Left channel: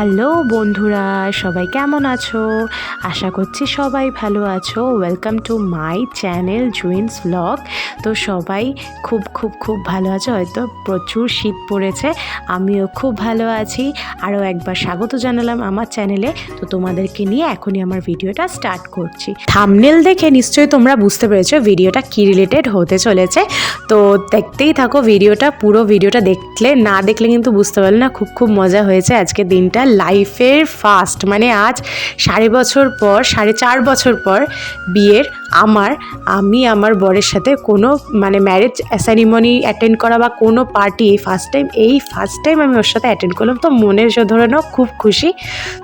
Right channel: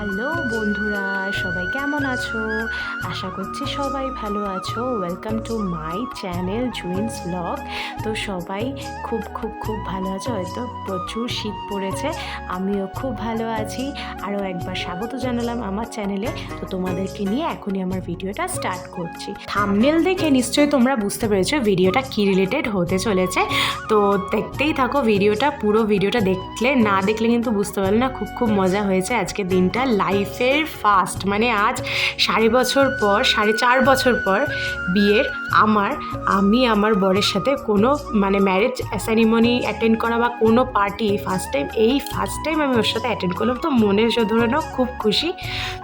Hello বন্ধুরা, সবাই কেমন আছো? আশা করছি সবাই ভালো আছো। ওয়েলকাম টু মাই চ্যানেল জুইন্স ব্লগ। তো সবাই খুব খুব খুব ভালো আছো, হয়তো প্রচুর শীত পড়েছে, আমিও খুব ভালো আছি। আরও একবার স্বাগত জানালাম আমার চ্যানেলে। তো তোমাদেরকে নিয়ে এখনই আমার ভিডিওটা স্টার্ট করছি। থাম্বনেল দেখে নিশ্চয়ই তোমরা বুঝতে পেরেছো ভিডিওটা কী রিলেটেড হতে চলেছে। তো দেখতেই থাকো ভিডিওটা, পুরো ভিডিওটা না দেখলে কিন্তু বুঝতে পারলে না। খুব খুব মজা হয়েছে আজকে দিনটা। লাইফের ফার্স্ট, মানে আজ 4.5 বছর পর বিয়ের আমি আমার বরের সাথে কোনো ম্যারেজ সেরিমনি অ্যাটেন্ড করা বা কোনো পার্টি এই ফার্স্ট টাইম আমি ওর সাথে অ্যাটেন্ড করলাম। তো মনে ধরে নাও খুব খুশি।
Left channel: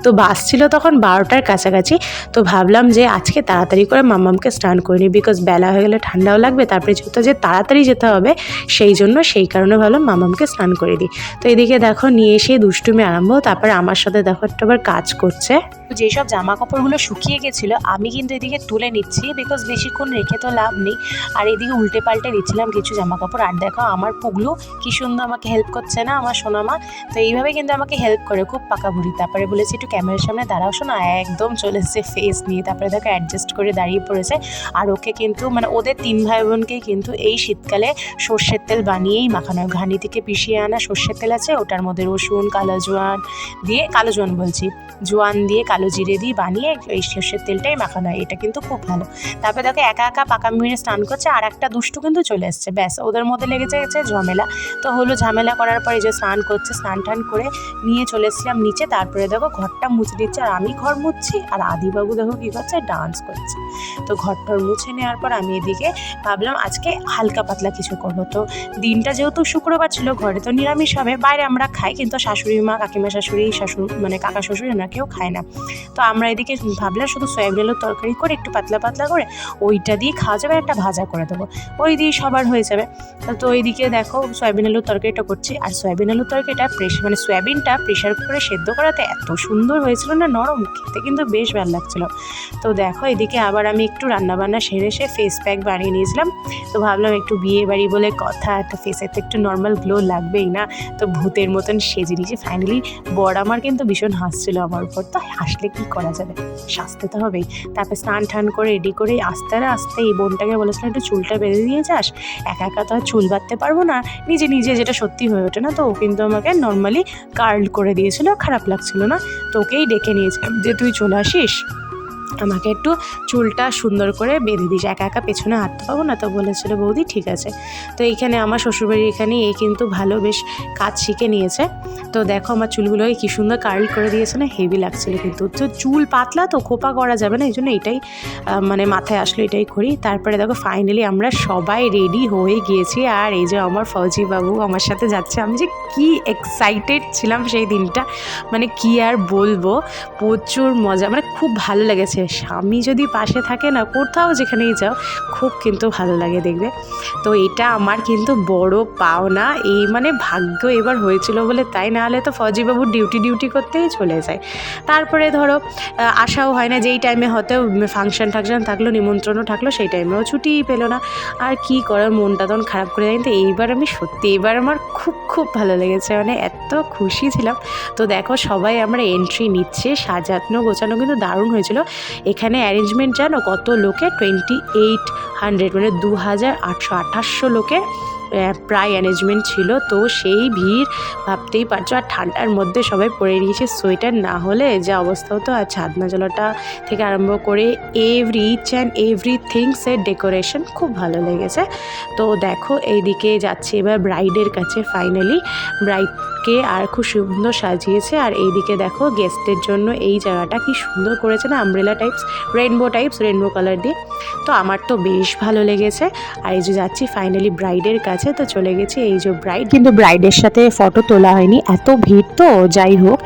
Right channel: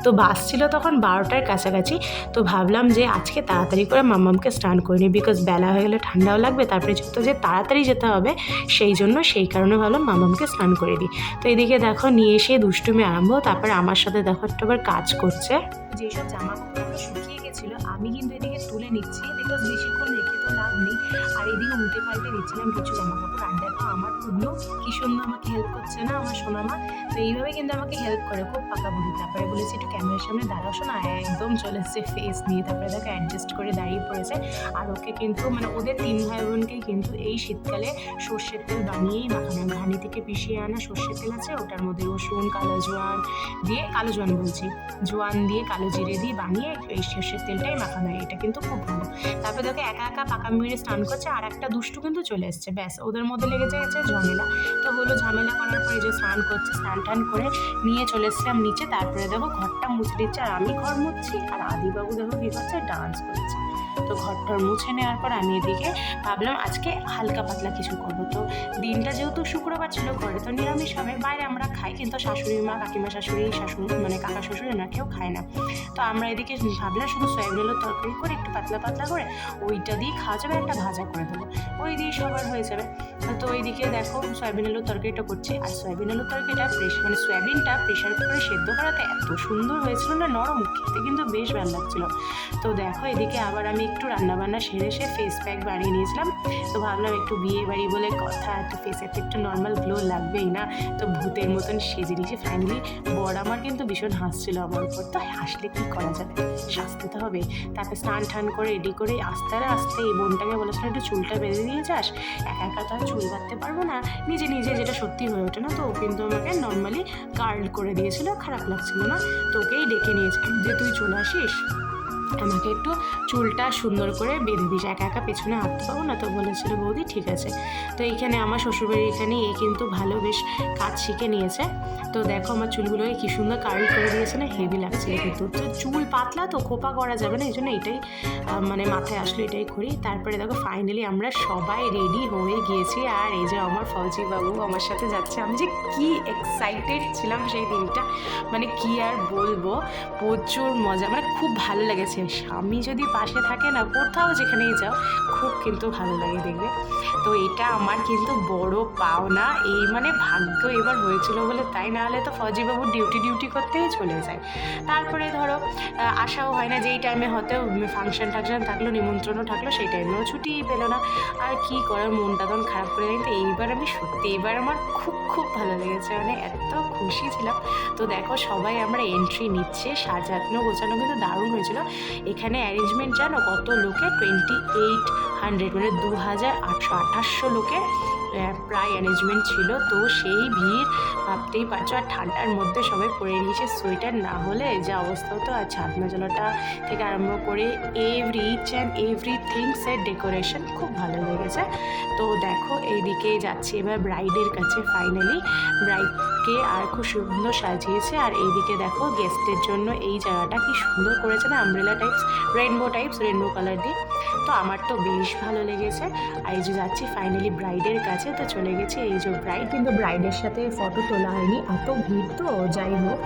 তো বাস ছিল তখন 12টার কাছাকাছি। তো ভাবলাম যে আজকে তাড়াতাড়ি করে মাম্মামকে স্নান করে নিই, বিকজ বেলা হয়ে গেলে ঠান্ডাও লাগবে, তারপরে যে তাড়াতাড়ি যেতে হবে, সেই কারণে ভাবলাম মাম্মামকে স্নান করে দিই। তো এদিকে দেখো নিয়ে এসে দুষ্টুমি আরম্ভ। তারপরে আমার সাথে দেখো একটা আবার কাজ করছে। যেসব জামা কাপড়গুলো শুকিয়ে গেছিলো আমি কিন্তু এদিকে তুলে নিচ্ছি, বিকজ বেশিক্ষণ রেখে তো লাভ নেই। আর এদিকে উল্টে পাল্টে দিচ্ছিলাম কিছু জামা কাপড়। আর দেখো আমার পুগলু কি সুন্দর আমাকে হেল্প করছে না, আমার সোনামা। তো এইভাবে কিন্তু আমাকে হেল্প করে, খুব পাকা বুড়ি। তারপরে বলেছি একটু ক্যামেরার সামনে দাঁড়াও শোনা, একদম চলে এসেছে ফেস নিয়ে। তারপরে দেখো অ্যাডজাস্ট করে দাঁড়িয়ে পড়েছে। আর ওকে কিন্তু ওদের 3 ভাই বোনকেই কিন্তু এই শীতকালে সর্ষের তেল বানিয়েই মাখানো। ঘানি থেকে পিষিয়ে আনা সর্ষের তেল আছে, ওটার মধ্যে রসুন, জোয়ান দিয়ে কালো জিরে দিয়ে বানিয়ে এই সর্ষের তেলটাই মাখানো হয়। এটা কিন্তু খুব ভালো। তারপরে দেখো একা একা পাকা মেরে স্নান করছে, আর একটা দুষ্টু কিন্তু চলে এসছে। ব্যাস ওদের মধ্যে লেগেছে ঝামেলা। তো ঝামেলা করার পরে যে স্নান করছে, স্নান টান করে নিয়ে চলে এসেছিলাম নিচে। তারপরে দেখো ঘরটা মুছে দিচ্ছে, আর আমি ঘর মুছছি, আর আদিবাবু দেখো কী করছে, ডান্স করছে। তো ঘরটা মুছে নেওয়ার পর আমি এদিকে ভাবলাম আজকে হালকা পাতলা কিছু করবো। তো দিনটা যেহেতু শুক্রবার ছিল, ঘরে তো নিরামিষ হবে, বাইরে আমরা খাই, কিন্তু শাশুড়ি মা, কাকিমা শাশুড়ি, কাকা শ্বশুর এরা কেউ খায় না। তো আমরা এদিকে ভাবলাম শুধু সয়াবিন আলুর তরকারি করে একটু পাতলা পাতলা করে ওইটা দিয়ে খাওয়া যাবে, একটা ভাজা করে দেবো, ওই দিয়ে সবার হয়ে যাবে। তো ওইদিকে দেখো সয়াবিন আলুর তরকারিটা করছি। আর সয়াবিন আলুর তরকারিটা সয়াবিনটা প্রেশার কুকারে সেদ্ধ করাতে এত সুন্দর হয়েছিল না, নরম, খেতে কিন্তু বেশ ভালো লাগছিলো। তো দেখো এদিকে আবার আমি একটু রান্নাবান্না সেরে ফেস প্যাক বানিয়ে নিয়েছিলাম। তো ভাবলাম একটু বিয়ে বাড়ি বলে কথা, একটা ফেসে তো একটু নর্মাল গ্লো লাগবেই না। তো ভূতের মতন সেজে নিয়েছি ফাইনালি। বর আমার কিন্তু ভীষণ হাসছিল আমার উপর। তো হাসলে কি করা যাবে, সাজতে তো হবেই। তারপরে স্নান টান করে রেডি করে আস্তে আস্তে এই বোনটাকে বলেছিলাম একটু চুলটা বেঁধে দিয়ে যাস, একা একা তো আর চুল বাঁধতে পারবো না নিজে নিজে, যেটা সত্যি হয়ে ওঠে না। তো ও কিন্তু আমাকে নর্মালি কার্ল করে দিয়েছিল, খারাপ লাগছিল না। তো ওকেই ডেকে নিয়েছিলাম যে তুই চলে আসিস, আমাকে একটু চুলটা সুন্দর করে বেঁধে দিস, একা একা পেছনে হাঁটতে পাবো না। তো বলেছিল বৌদি ঠিক আছে। তো এইখানে আমার শ্বশুরবাড়ির এখানে এই কিন্তু ভালো বেশ কাজ শিখে নিয়েছে। তো দেখো আমার চুলগুলোকে কী সুন্দর কার্ল করে দিয়েছে না, হেভি লাগছিল। কিন্তু তো চুল পাতলা তো খোপা করা যাবে না, এই জন্য এটাই মাথায় আসলো, এটাই করি। তারপরে দেখো ফাইনালি আমরা সবাই রেডি হয়ে গিয়েছি। আর এই যে আমার ফৌজি বাবু আমার সাথে যাচ্ছে। আমি যে কি এক্সাইটেড ছিলাম সেই দিনটা, কি আর বলবো, প্রচুর মজা, খুব ভালো লেগেছে। স্বামী যদি পাশে থাকে না, কোথাও যেখানেই যাও খুব কিন্তু ভালো লাগে দেখবে। তো এটা আমার কিন্তু বড় পাওনা, এই ভাগ্য এবার হয়েছিল বলে তাই, না হলে তো ফৌজিবাবু ডিউটি করতেই চলে যায়। তারপরে ধরো আশাও হয় না, যেই টাইমে হয়তো ফাংশন থাকলো, নিমন্ত্রণও থাকলো, সেই টাইমেও ছুটিই পেলো না। আর কি করার, মনটা তখন খারাপ করে যায়। কিন্তু এইবার আমার খুব খুব ভালো লেগেছে, এত খুশি ছিলাম। তো দেখো সবাই আমরা এন্ট্রি নিচ্ছে, সাজানো গোছানো কিন্তু দারুণ হয়েছিল। এখানে অ্যারেঞ্জমেন্ট জানো কত লোকের, 2800 2800 লোকের প্রায় অ্যারেঞ্জমেন্ট ছিল। তো সেই ভিড় ভাবতেই পারছো। আর ঠান্ডার মধ্যে সবাই পরে নিয়েছে সোয়েটার, না হলে যা অবস্থা হতো। আর ছাদনা জলাটা থেকে আরম্ভ করে ইচ অ্যান্ড এভরিথিংসের ডেকোরেশন খুব ভালো লেগেছে। তো দেখো এইদিকে যাচ্ছে এবার ব্রাইডের কাছে। ফাইনালি ব্রাইডকে আর খুব সুন্দর সাজিয়েছে। আর এইদিকে দেখো গেস্টের জন্য এই জায়গাটা কি সুন্দর করেছে না, আমব্রেলা রেনবো কালার দিয়ে। তো আমার তো বেশ ভালো লেগেছে। আর এই যে যাচ্ছি ফাইনালি ব্রাইডের কাছে। তো চলে গেছি, এই যে ব্রাইড, কিন্তু ব্রাইডের সাথে ফটো তোলা হয়নি, এত ভিড় তো যাই হোক।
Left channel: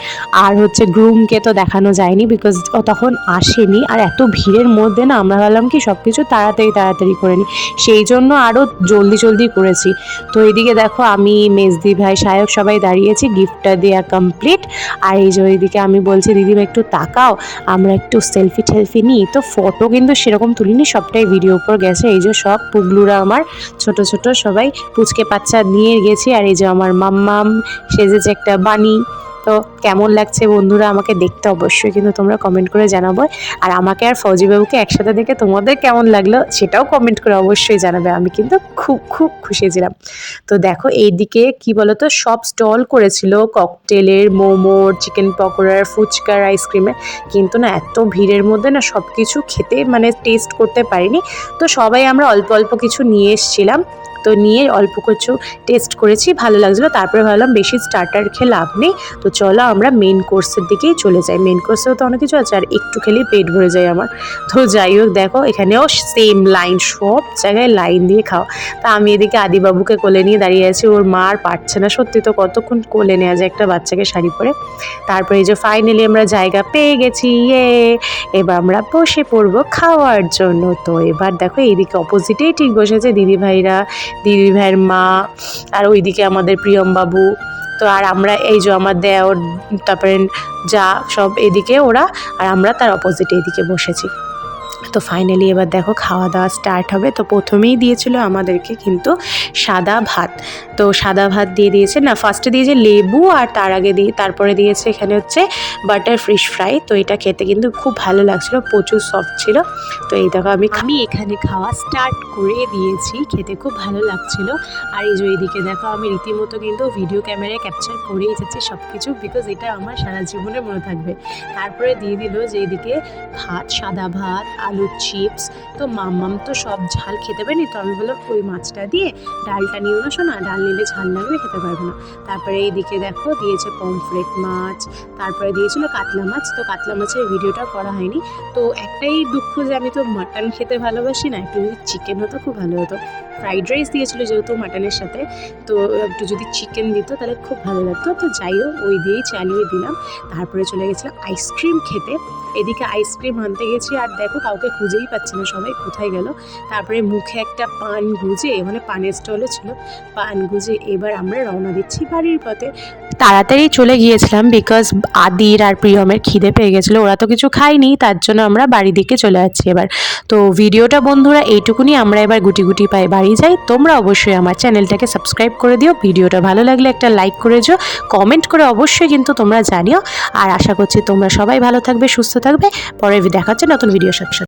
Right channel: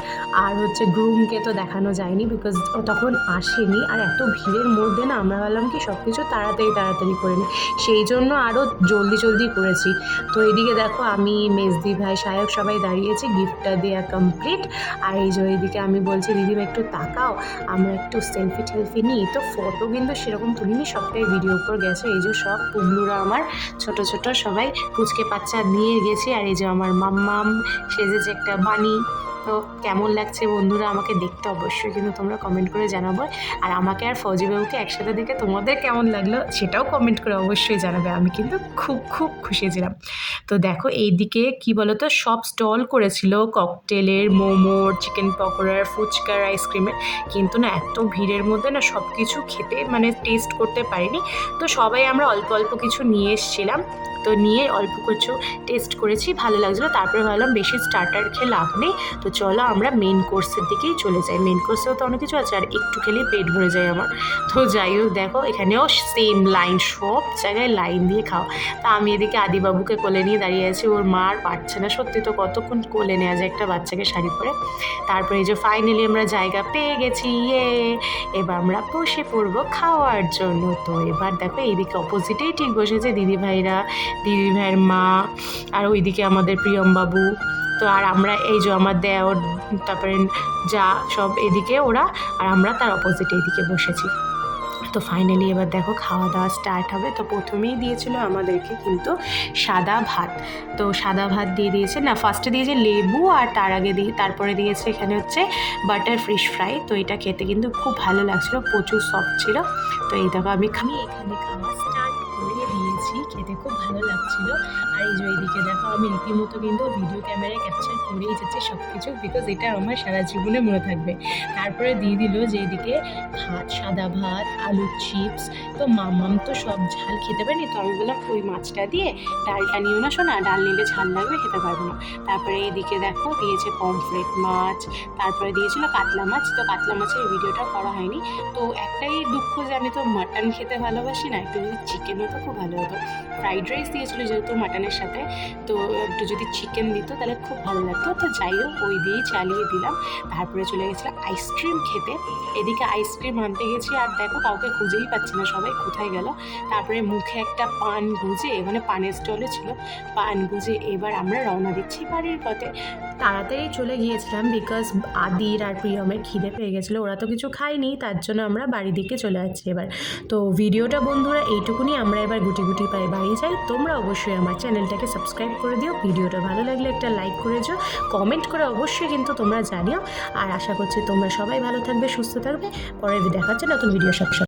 আর গ্রুমকে তো দেখানো যায়নি, বিকজ ও তখন আসেনি। আর এত ভিড়ের মধ্যে না আমরা ভাবলাম কি সব কিছু তাড়াতাড়ি করে নিই, সেই জন্য আরও জলদি করেছি। তো এদিকে দেখো আমি, মেজদি ভাই, সায়ক সবাই দাঁড়িয়েছি, গিফটটা দেওয়া কমপ্লিট। আর এই যে ওইদিকে আমি বলছি দিদিভাই একটু তাকাও, আমরা একটু সেলফি নিই। তো ফটো কিন্তু সেরকম তুলিনি, সবটাই ভিডিও উপর গেছে। এই যে সব পুগলুরা আমার ছোট সবাই পুচকে বাচ্চা নিয়ে গেছি। আর এই যে আমার মাম্মাম সেজেছে একটা বানি, তো কেমন লাগছে বন্ধুরা আমাকে দেখতে অবশ্যই কিন্তু তোমরা কমেন্ট করে জানাবো। আর আমাকে আর ফৌজি বাবুকে একসাথে দেখে তোমাদের কেমন লাগলো সেটাও কমেন্ট করে অবশ্যই জানাবে। আমি কিন্তু খুব খুব খুশি ছিলাম। তো দেখো এইদিকে কি বলতো সব স্টল করেছিল ককটেলের, মোমোর, চিকেন পকোড়ার, ফুচকার, আইসক্রিমের, কিন্তু না এত ভিড়ের মধ্যে না সব কিছু খেতে মানে টেস্ট করতে পারিনি। তো সবাই আমরা অল্প অল্প কিছু নিয়ে এসেছিলাম, তো নিয়ে অল্প কিছু টেস্ট করেছি, ভালো লাগছিলো। তারপরে ভাবলাম বেশি স্টার্টার খেয়ে লাভ নেই, তো চলো আমরা মেন কোর্সের দিকেই চলে যাই। মেন কোর্সেও তো অনেক কিছু আছে আর একটু খেলেই পেট ভরে যায় আমার। তো যাই হোক দেখো এখানেও সেম লাইন, সব জায়গায় লাইন দিয়ে খাও। তা আমি এদিকে আদিবাবুকে কোলে নিয়ে দাঁড়িয়ে আছি, ওর মা আর পারছে না, সত্যি তো কতক্ষণ কোলে নেওয়া যায় একটা বাচ্চাকে শাড়ি পরে। তারপরে এই যে ফাইনালি আমরা জায়গা পেয়ে গেছি, এবার আমরা বসে পড়বো খাওয়ার জন্য। তো এবার দেখো এইদিকে অপোজিটেই ঠিক বসেছে দিদিভাইরা, দিদিভাইয়ের মা, আর ওইদিকে আমাদের প্রিয়মবাবু। তো আর আমরা এই যে আমার দেওর, তারপরে যা সব এদিকে ওরা, আর আমরা তার অপোজিটে এদিকে বসেছি। তো ফাইনালি এবার দেখো খাওয়া দাওয়া স্টার্ট হবে। তো প্রথমেই দিয়েছিল আমাদেরকে কিন্তু সাদা ভাত। তো সাদা ভাত দিয়ে দিয়েছে, না ফার্স্টে দিয়েছে লেবু, আর তার আগে তারপরে দিয়েছে এখানে হচ্ছে বাটার ফিশ ফ্রাই। তো এটা খেতে কিন্তু খুব ভালো লাগছিলো, প্রচুর সফট ছিল। তো এই দেখো আমি এখানে খাওয়া স্টার্ট করে দিয়েছি, খেতে খুব ভালো লাগছিলো। আর এই যে এইদিকে দেখো আমি রীতিমতো কিন্তু ভিডিও ক্যামেরায় ক্যাপচার করেই যাচ্ছি সব কিছু, বিকজ এটা আমার সারা জীবনে মনে থাকবে। তারপরে দিয়ে দিল যে এইদিকে ভাত, সাদা ভাত, আলুর চিপস। তো মাম্মাম তো সব ঝাল খেতে পারেনি, তো আমি বললাম ওই মাছটা দিয়ে ডালটা নিও না শোনা, ডাল নিলে ঝাল লাগবে, খেতে পারবো না। তারপরে এইদিকে দেখো দিয়েছে পমফ্রেট মাছ, তারপরে দিয়েছিল কাতলা মাছ। তো কাতলা মাছের ভিডিওটা করা হয়নি। তো একটাই দুঃখ যে আমি তো মাটন খেতে ভালোবাসি না, একটু যদি চিকেন হতো খুব ভালো হতো। ফ্রাইড রাইস দিয়েছিলো যেহেতু মাটনের সাথে, তো একটু যদি চিকেন দিত তাহলে খুব ভালো লাগতো। তো যাই হোক ওই দিয়েই চালিয়ে দিলাম। তারপরে চলে গেছিলাম আইসক্রিম খেতে। এদিকে আইসক্রিম আনতে গেছি আর দেখো কাউকে খুঁজেই পাচ্ছি না, সবাই কোথায় গেল। তারপরে মুখে একটা পান গুজে, মানে পানের স্টলে ছিল, পান গুজে এবার আমরা রওনা দিচ্ছি বাড়ির পথে। তাড়াতাড়ি চলে গিয়েছিলাম বিকজ আদির আর প্রিয়মের খিদে পেয়ে গেছিলো, ওরা তো কিছু খায়নি, তার জন্য আমরা বাড়ির দিকে চলে যাচ্ছি এবার। তো ভিডিওটা বন্ধুরা এইটুকুনি, আমরা এবার গুটি গুটি পায়ে বাড়ি যাই। তোমরা অবশ্যই আমার চ্যানেলটাকে সাবস্ক্রাইব করে দিও, ভিডিওটা ভালো লাগলে একটা লাইক করে দিও, কমেন্ট করে অবশ্যই কিন্তু তোমরা জানিও। আর আশা করছি তোমরা সবাই ভালো থাকবে, সুস্থ থাকবে। পরে দেখা হচ্ছে নতুন ভিডিওর সাথে।